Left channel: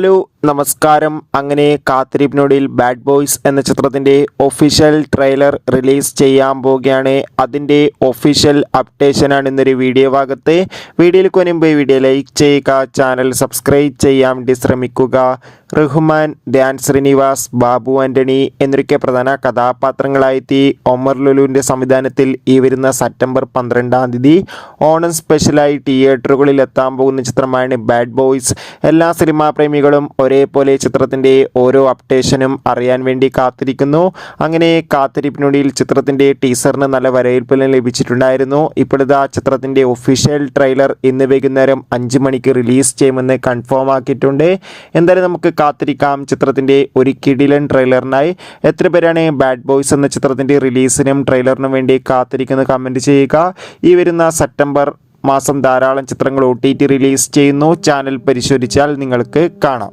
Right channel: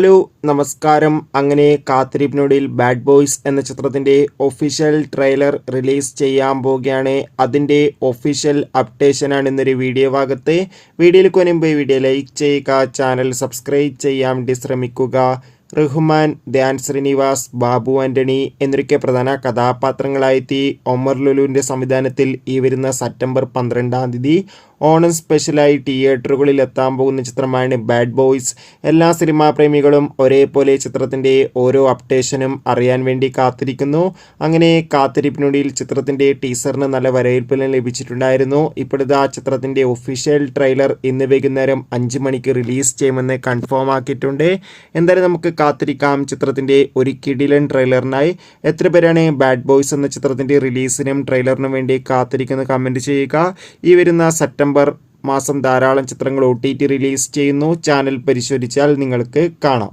Hello നമസ്കാരം. അങ്ങനെ കാത്തിരിപ്പിനൊടുവിൽ bad boys എന്ന ചിത്രത്തിൻ്റെ ഒഫീഷ്യൽ ട്രെയിലർ റിലീസ് ചെയ്യാൻ പോവുകയാണ്. അതിൻ്റെ ഒഫീഷ്യൽ അപ്ഡേഷനാണ് ഇന്നൊരു വീഡിയോ ഭാഗത്ത്. വീഡിയോയിൽ മുൻപ് വീഡിയോ ലൈക്ക് ചെയ്യുക, ചാനൽ സബ്സ്ക്രൈബ് ചെയ്യാൻ വേണ്ടി ശ്രമിക്കുക. റഹ്മാൻ, ധ്യാൻ ശ്രീനിവാസ്, ബാബു ആൻ്റണി എന്നൊക്കെ പ്രധാന കഥാപാത്രങ്ങളായെത്തി ഒമർ ലുലുവിൻ്റെ സംവിധാനത്തിൽ ഈ വരുന്ന സെപ്റ്റംബർ 12 ഓണം സ്പെഷ്യലായി തിയേറ്ററുകളിൽ എത്താൻ പോകുന്ന ചിത്രമാണ് ബാഡ് ബോയ്സ്. എല്ലാ സിനിമാ പ്രേമികളും ഒരേപോലെ ചിത്രത്തിൻ്റെ ഓരോ അപ്ഡേഷനും അറിയാൻ വേണ്ടി കാത്തിരിക്കുന്നു. അങ്ങനെ കാത്തിരിപ്പിനൊടുവിൽ ചിത്രത്തിൻ്റെ ടീസറിന് നല്ല വരവേൽപ്പ് ലഭിച്ചിട്ടുണ്ടായിരുന്നു. ഇപ്പോഴത്തെ ചിത്രത്തിൻ്റെ ഒഫീഷ്യൽ ട്രെയിലർ ഇന്ന് വൈകുന്നേരം 5 മണിക്ക് റിലീസ് ചെയ്യുമെന്ന് കൺഫേം ആക്കിയിട്ടുണ്ട്. എന്തായാലും നമുക്ക് കാത്തിരിക്കാം ചിത്രത്തിൻ്റെ ഒരു കിടിലൻ ട്രെയിലറിനായി. എത്ര പേരാണ് ബാഡ് ബോയ്സ് എന്ന ചിത്രത്തിൻ്റെ റിലീസിനും ട്രെയിലറിനും വേണ്ടി കാത്തിരിക്കുന്നത് കമൻറ്റ് ചെയ്യുക. ഈ വരുന്ന സെപ്റ്റംബർ മാസം ധാരാളം ചിത്രങ്ങൾ OTT റിലീസ് ചെയ്യുന്നു. ചാനൽ പരിശോധിച്ചാൽ നിങ്ങൾക്ക് കാണാം.